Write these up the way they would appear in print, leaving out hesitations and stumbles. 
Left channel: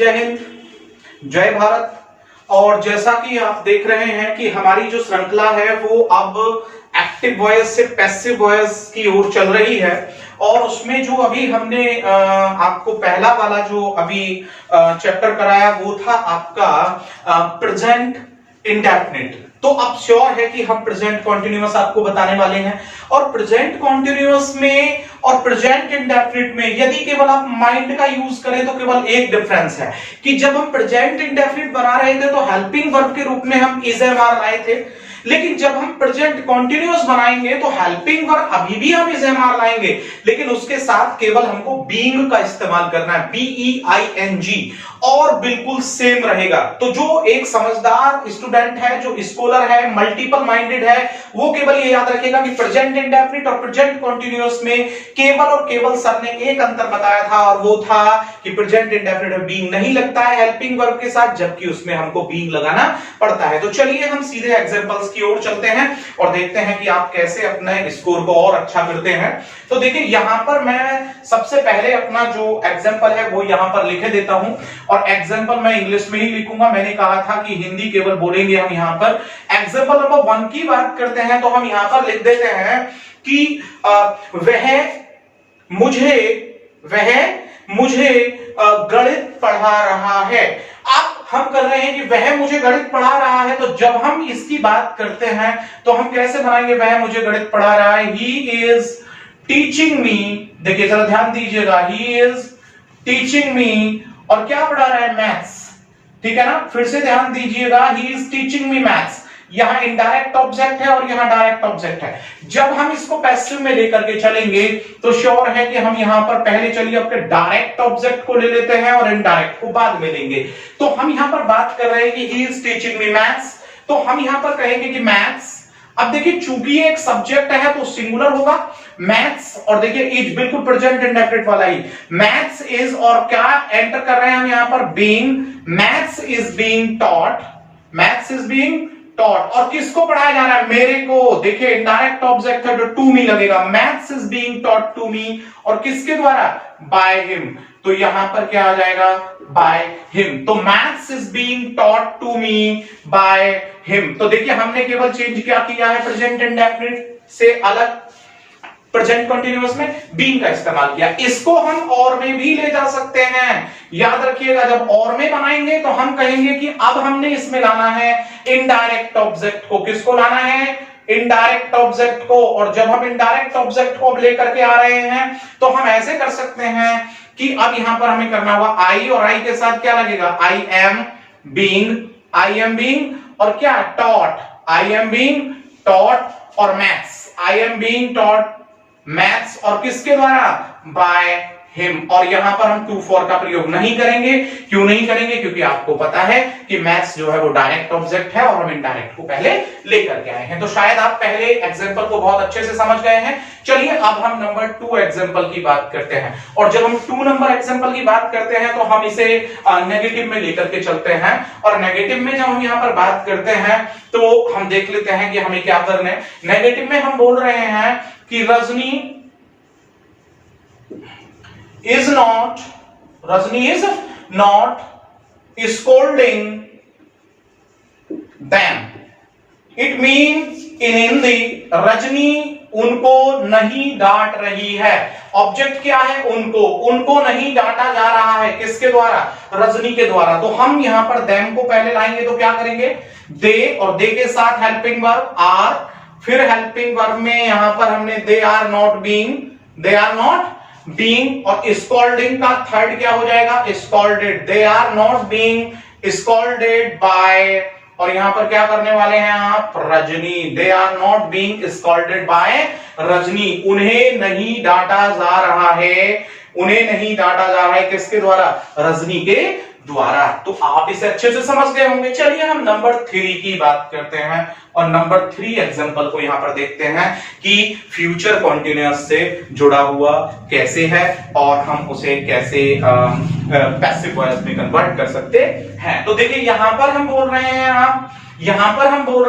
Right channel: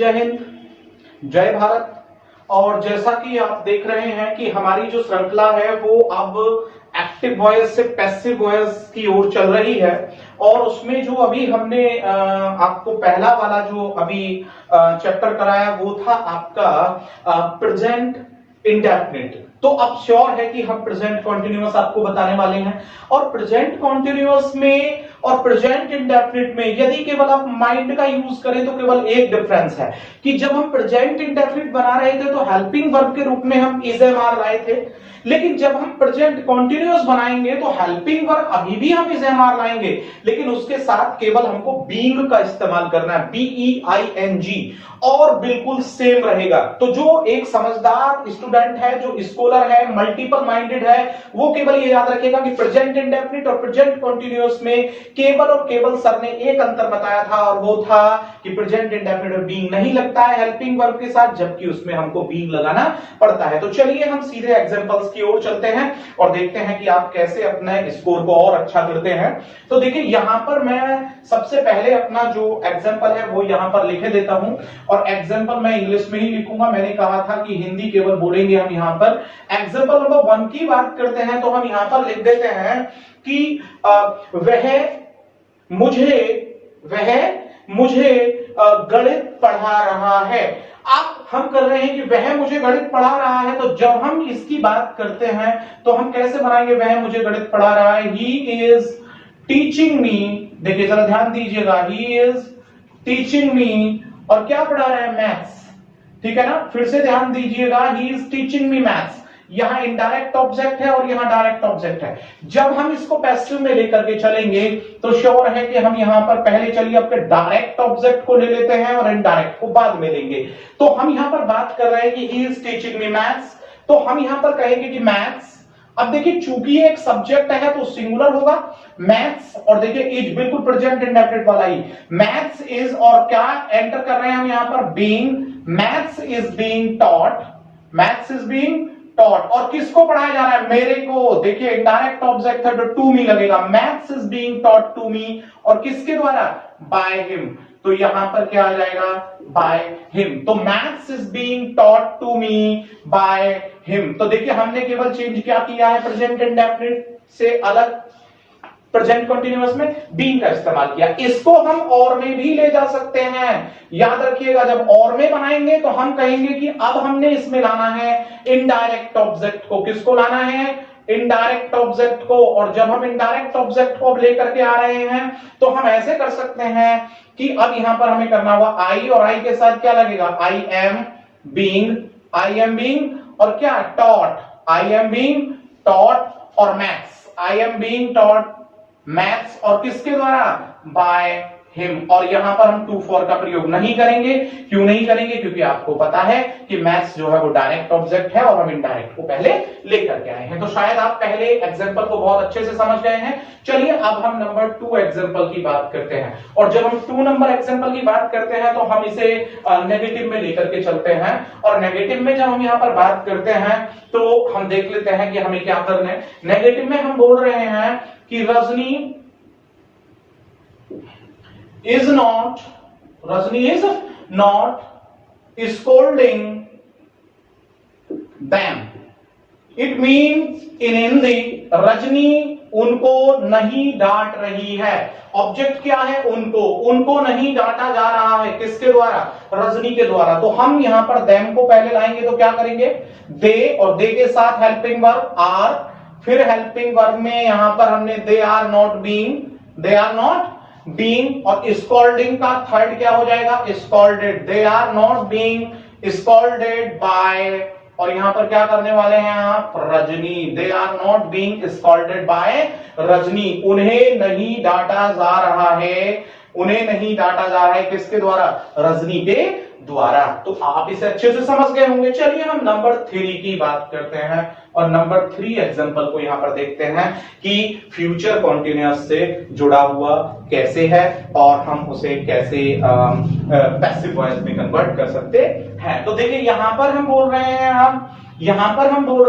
जय हिंद, जय भारत। और जैसा कि आप देख रहे हैं कि हमारी जो श्रृंखला है वो अब एक्टिव वॉइस से पैसिव वॉइस की ओर चल रही है। और उसमें जो अभी हमने आपको पहला वाला जो अभी चैप्टर कराया वो था आपका प्रेजेंट इंडेफिनिट। तो अब श्योर है कि हम प्रेजेंट कॉन्टिन्यूअस आपको बताने वाले हैं। और प्रेजेंट कॉन्टिन्यूअस में और प्रेजेंट इंडेफिनिट में यदि केवल आप माइंड का यूज करें तो केवल एक डिफरेंस है कि जब हम प्रेजेंट इंडेफिनिट बना रहे थे तो हेल्पिंग वर्ब के रूप में हम इज एम आर लाए थे, लेकिन जब हम प्रेजेंट कॉन्टिन्यूअस बनाएंगे तो हेल्पिंग वर्ब अभी भी हम इज एम आर लाएंगे, लेकिन उसके साथ केवल हमको बीइंग का इस्तेमाल करना है, BEING, और बिल्कुल सेम रहेगा। तो जो एक समझदार स्टूडेंट है, जो स्कॉलर है, मल्टीपल माइंडेड है, वो केवल ये याद रखेगा कि प्रेजेंट इंडेफिनिट और प्रेजेंट कॉन्टिन्यूअस में केवल और केवल सर ने एक अंतर बताया था, और वो था कि प्रेजेंट इंडेफिनिट में बीइंग नहीं लगता है हेल्पिंग वर्ब के साथ, जबकि उसमें हमको बीइंग लगाना पड़ता है। तो चलिए हम सीधे एग्जांपल्स की ओर चलते हैं और देखते हैं कि आप कैसे अपने स्कोर को और अच्छा करते हैं। तो देखिए यहां पर मैं सबसे पहले अपना जो एग्जांपल है वो यहां पर लिखे देता हूं, और एग्जांपल मैं इंग्लिश में ही लिखूंगा। मैंने कहा था कि हिंदी केवल बोलेंगे हम। यहां पर एग्जांपल नंबर 1 की बात करते हैं तो हम यहां पर लिख देते हैं कि वह मुझे गणित पढ़ा रहा है। अब हम कर रहे हैं कि वह मुझे गणित पढ़ा रहा है, तो जब हम इसकी बात करते हैं तो हम कैसे बनाएंगे? वह मुझे गणित पढ़ा रहा है, ही इज टीचिंग मी। देखिए जरा ध्यान दीजिएगा, ही इज टीचिंग मी, और क्या पढ़ा रहा है? मैथ्स। ठीक है ना? फिर से ध्यान दीजिएगा, he is teaching me maths. यहां इनडायरेक्ट ऑब्जेक्ट है और यहां डायरेक्ट ऑब्जेक्ट है। जब हम इसको पैसिव में लेकर के चलेंगे तो श्योर है कि हम यहां पर पहले चलिए अपने डायरेक्ट ऑब्जेक्ट को ले लेते हैं और इनडायरेक्ट को बाद में लेंगे। तो हम यहां पर बात कर रहे हैं कि he is teaching me maths, तो हम यहां पर कहेंगे कि मैथ्स। अब देखिए चूंकि एक सब्जेक्ट है तो सिंगुलर होगा मैथ्स, और देखिए इज बिल्कुल प्रेजेंट इंडेफिनिट वाला ही। मैथ्स इज, और क्या एंटर कर रहे हैं हम यहां पर? Being. Maths is being taught, maths is being taught. और किसको पढ़ाया जा रहा है? मेरे को। देखिए इनडायरेक्ट ऑब्जेक्ट है तो टू मी लगेगा। Maths is being taught to me, और किसके द्वारा? By him. तो यहां पर क्या आ जाएगा? By him. तो maths is being taught to me by him. तो देखिए हमने केवल चेंज क्या किया है? प्रेजेंट इंडेफिनिट से अलग प्रेजेंट कंटीन्यूअस में बीइंग का इस्तेमाल किया। इसको हम और में भी ले जा सकते हैं। याद रखिएगा जब और में बनाएंगे तो हम कहेंगे कि अब हमने इसमें लाना है इनडायरेक्ट ऑब्जेक्ट को। किसको लाना है? इनडायरेक्ट ऑब्जेक्ट को। और जब हम इनडायरेक्ट ऑब्जेक्ट को अब लेकर के आ रहे हैं तो हम ऐसे कर सकते हैं कि अब यहां पर हमें करना होगा आई, और आई के साथ क्या लगेगा? आई एम बीइंग, और क्या? Taught. I am being taught, और maths, I am being taught maths, और किसके द्वारा? By him. और यहां पर हम टू फॉर का प्रयोग नहीं करेंगे। क्यों नहीं करेंगे? क्योंकि आपको पता है कि मैथ्स जो है वो डायरेक्ट ऑब्जेक्ट है और हम इनडायरेक्ट को पहले लेकर के आए हैं। तो शायद आप पहले एग्जांपल को बहुत अच्छे से समझ गए हैं। चलिए अब हम नंबर 2 एग्जांपल की बात करते हैं, और जब हम 2 नंबर एग्जांपल की बात करते हैं तो हम इसे नेगेटिव में लेकर के चलते हैं। और नेगेटिव में जब हम यहां पर बात करते हैं तो हम देख लेते हैं कि हमें क्या करना है। नेगेटिव में हम बोल रहे हैं कि Rajni is not scolding them. It means in Hindi Rajni उनको नहीं डांट रही है। ऑब्जेक्ट क्या है? उनको नहीं डांटा जा रहा है। किसके द्वारा? रजनी के द्वारा। तो हम यहां पर them को पहले लाएंगे तो क्या करेंगे? दे, और दे के साथ हेल्पिंग वर्ब आर, फिर हेल्पिंग वर्ब में यहां पर हमने दे आर नॉट बीइंग, और स्कॉल्डिंग का थर्ड क्या हो जाएगा? Scolded. They are not being scolded by, और यहां पर क्या करने वाले हैं आप? Rajni. They are not being scolded by Rajni. उन्हें नहीं डांटा जा रहा है। किसके द्वारा? रजनी के द्वारा। तो आप इसे अच्छे से समझ गए होंगे। चलिए हम नंबर 3 की बात करते हैं, और नंबर 3 एग्जांपल को यहां पर देखते हैं कि फ्यूचर कॉन्टिन्यूअस से जुड़ा हुआ कैसे है और हम उसे कैसे पैसिव वॉइस में कन्वर्ट कर सकते हैं। तो देखिए यहां पर हम बोल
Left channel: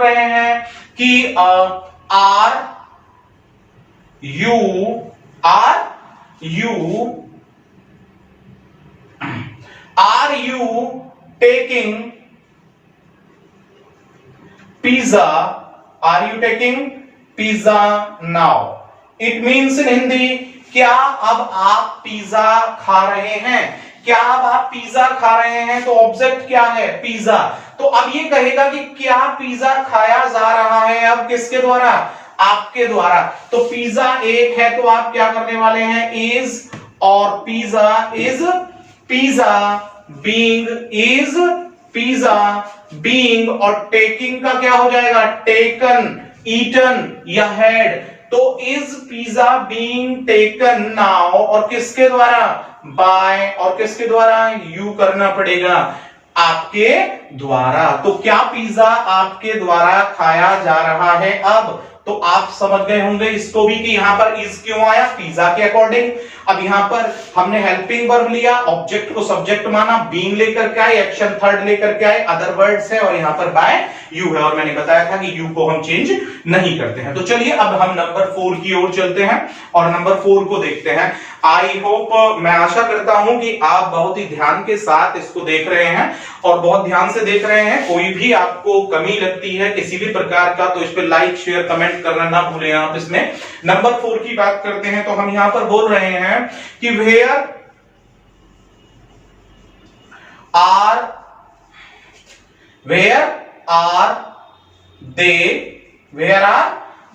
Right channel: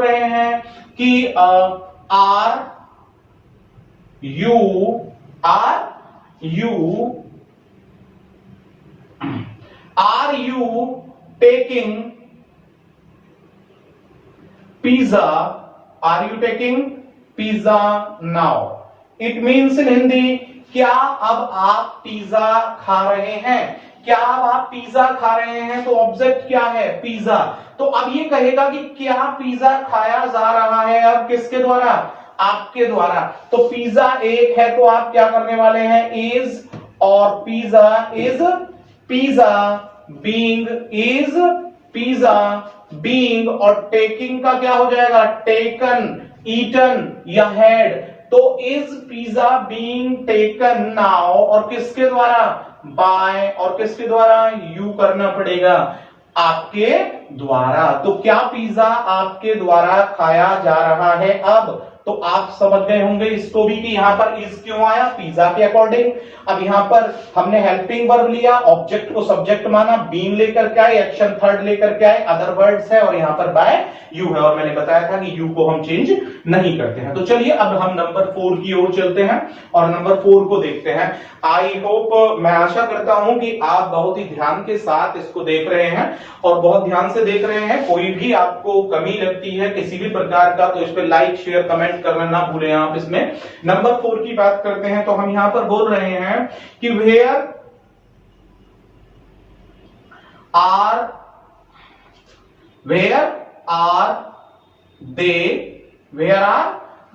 रहे हैं कि are you taking pizza, are you taking pizza now. It means in Hindi, क्या अब आप पिज्जा खा रहे हैं, क्या अब आप पिज्जा खा रहे हैं, तो ऑब्जेक्ट क्या है, पिज्जा। तो अब ये कहेगा कि क्या पिज्जा खाया जा रहा है, अब किसके द्वारा, आपके द्वारा। तो पिज्जा एक है तो आप क्या करने वाले हैं, इज, और pizza is, pizza being is, pizza being, और टेकिंग का क्या हो जाएगा, टेकन, ईटन या हैड। तो is pizza being taken now, और किसके द्वारा, बाय, और किसके द्वारा, यू करना पड़ेगा, आपके द्वारा। तो क्या पिज्जा आपके द्वारा खाया जा रहा है अब। तो आप समझ गए होंगे इसको भी कि यहां पर इज क्यों आया, पिज्जा के अकॉर्डिंग। अब यहां पर हमने हेल्पिंग वर्ब लिया, ऑब्जेक्ट को सब्जेक्ट माना, बीइंग लेकर के आए, एक्शन थर्ड लेकर के आए, अदर वर्ड्स है, और यहां पर बाय यू है, और मैंने बताया था कि यू को हम चेंज नहीं करते हैं। तो चलिए अब हम नंबर 4 की ओर चलते हैं और नंबर 4 को देखते हैं। आई होप, मैं आशा करता हूं कि आप बहुत ही ध्यान के साथ इसको देख रहे हैं और बहुत ध्यान से देख रहे हैं। कोई भी आपको कमी लगती है किसी भी प्रकार का, तो इस पे लाइक शेयर कमेंट करना ना भूलें आप। इसमें नंबर 4 की बात करते हैं, तो हम यहां पर बोल रहे हैं कि where are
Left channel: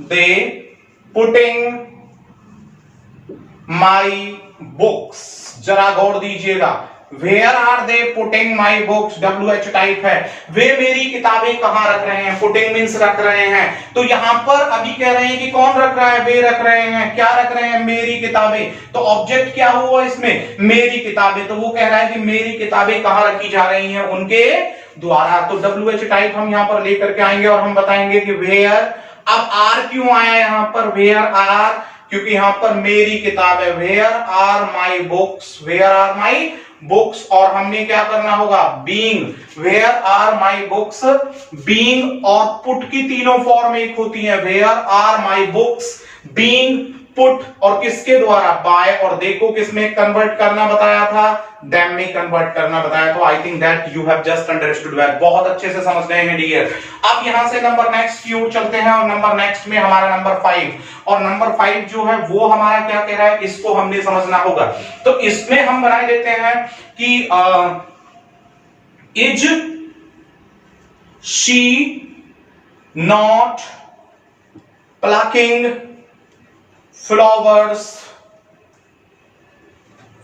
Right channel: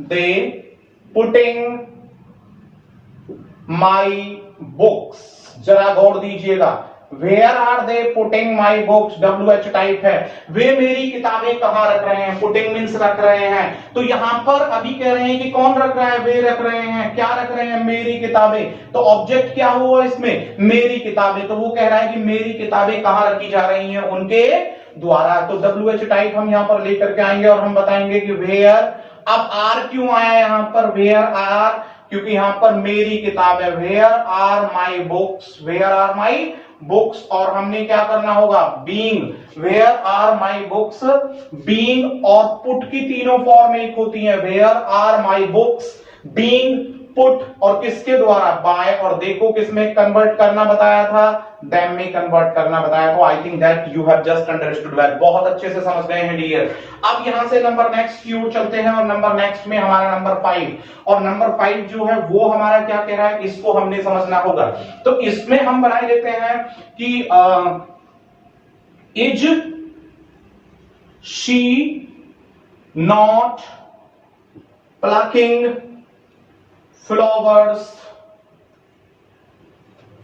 they putting my books. जरा गौर दीजिएगा, where are they putting my books, WH type है, वे मेरी किताबें कहां रख रहे हैं, पुटिंग मींस रख रहे हैं। तो यहां पर अभी कह रहे हैं कि कौन रख रहा है, वे रख रहे हैं, क्या रख रहे हैं, मेरी किताबें। तो ऑब्जेक्ट क्या हुआ इसमें, मेरी किताबें। तो वो कह रहा है कि मेरी किताबें कहां रखी जा रही हैं, उनके द्वारा। तो WH टाइप हम यहां पर लेकर के आएंगे और हम बताएंगे कि वेयर। अब आर क्यों आया यहां पर, वेयर आर, क्योंकि यहां पर मेरी किताब है, where are my books, where are my books. और हमने क्या करना होगा, being, where are my books, being, और पुट की तीनों फॉर्म एक होती है, where are my books, being put, और किसके द्वारा, बाय। और देखो किसमें कन्वर्ट करना बताया था, देम में कन्वर्ट करना बताया। तो I think that you have just understood well, बहुत अच्छे से समझ गए हैं डियर। अब यहां से नंबर नेक्स्ट की ओर चलते हैं, और नंबर नेक्स्ट में हमारा नंबर 5, और नंबर 5 जो है वो हमारा क्या कह रहा है, इसको हमने समझना होगा। तो इसमें हम बना देते हैं कि is she not plucking flowers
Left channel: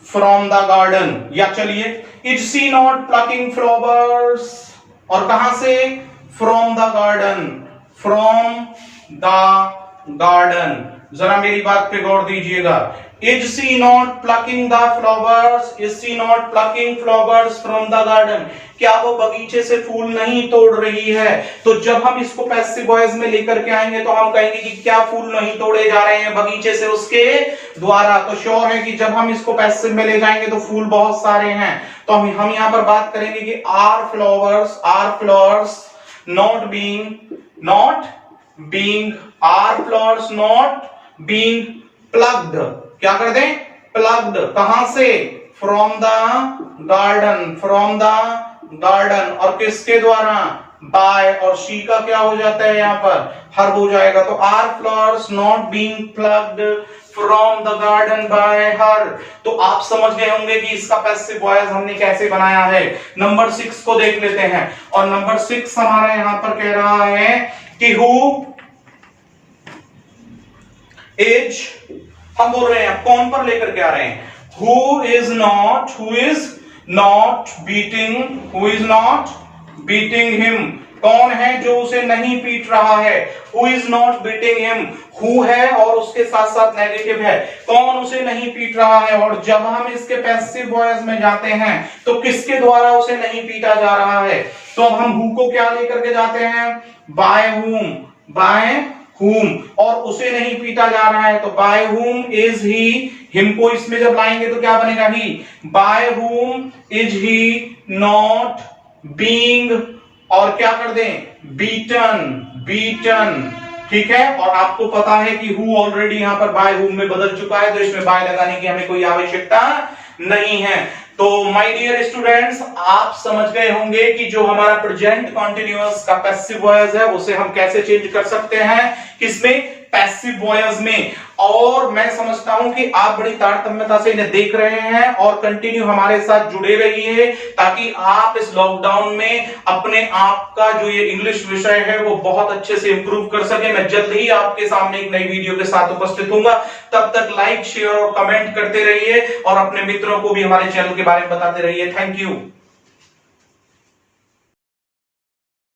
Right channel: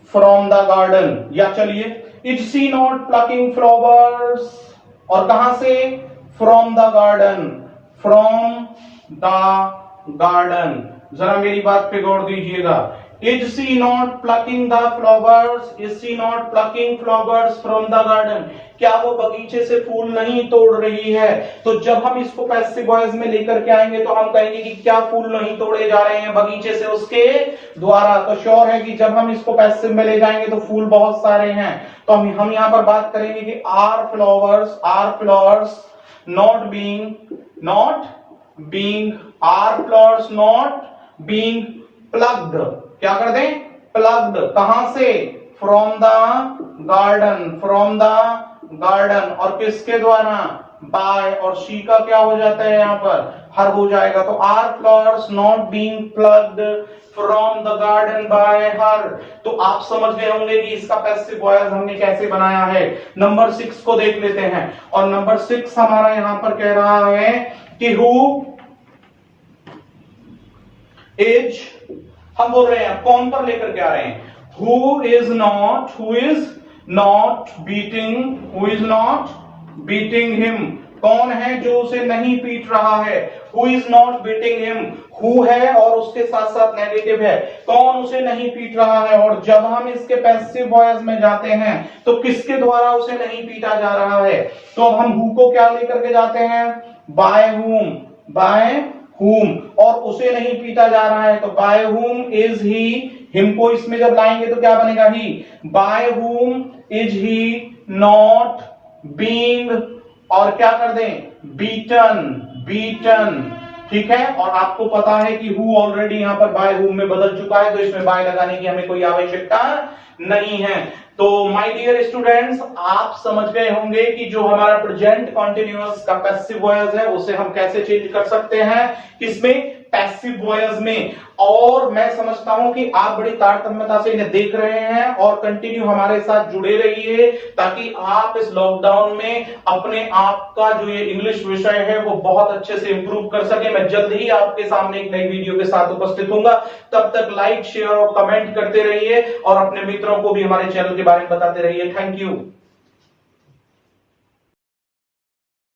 from the garden, या चलिए is she not plucking flowers, और कहां से, from the garden, from the garden. जरा मेरी बात पे गौर दीजिएगा, is she not plucking the flowers, is she not plucking flowers from the garden, क्या वो बगीचे से फूल नहीं तोड़ रही है। तो जब हम इसको पैसिव वॉइस में लेकर के आएंगे तो हम कहेंगे कि क्या फूल नहीं तोड़े जा रहे हैं बगीचे से, उसके द्वारा। तो श्योर है कि जब हम इसको पैसिव में ले जाएंगे तो फूल बहुत सारे हैं। तो हम यहां पर बात करेंगे कि are flowers not being, are flowers not being plucked, क्या कर दें, प्लग्ड, कहां से, फ्रॉम द गार्डन, और किसके द्वारा, बाय, और शी का क्या हो जाता है यहां पर, हर हो जाएगा। तो are flowers not being plucked from the garden by her. तो आप समझ गए होंगे कि इसका पैसिव वॉइस हमने कैसे बनाया है। नंबर 6 को देख लेते हैं, और नंबर 6 हमारा यहां पर कह रहा है कि हु इज, हम बोल रहे हैं कौन पर लेकर के आ रहे हैं, who is not beating him, कौन है जो उसे नहीं पीट रहा है, who is not beating him, who है और उसके साथ साथ नेगेटिव है, कौन उसे नहीं पीट रहा है। और जब हम इसके पैसिव वॉइस में जाते हैं तो किसके द्वारा उसे नहीं पीटा जा रहा है, तो अब हम हु को क्या लेकर के जाते हैं, बाय whom, और उसे नहीं पीटा जा रहा है तो by whom is he, him को इसमें जब लाएंगे तो क्या बनेगा, ही, by whom is he not being, और क्या कर दें, beaten, ठीक है। और आपको पता है कि who ऑलरेडी यहां पर by whom में बदल चुका है, तो इसमें by लगाने की हमें कोई आवश्यकता नहीं है। तो माय डियर स्टूडेंट्स, आप समझ गए होंगे कि जो हमारा प्रेजेंट कंटीन्यूअस का पैसिव वॉइस है उसे हम कैसे चेंज कर सकते हैं, किसमें, पैसिव वॉइस में। और मैं समझता हूं कि आप बड़ी तारतम्यता से इन्हें देख रहे हैं और कंटिन्यू हमारे साथ जुड़े रहिए, ताकि आप इस लॉकडाउन में अपने आप का जो ये इंग्लिश विषय है वो बहुत अच्छे से इंप्रूव कर सके। मैं जल्द ही आपके सामने एक नई वीडियो के साथ उपस्थित हूंगा। तब तक लाइक, शेयर और कमेंट करते रहिए और अपने मित्रों को भी हमारे चैनल के बारे में बताते रहिए। Thank you.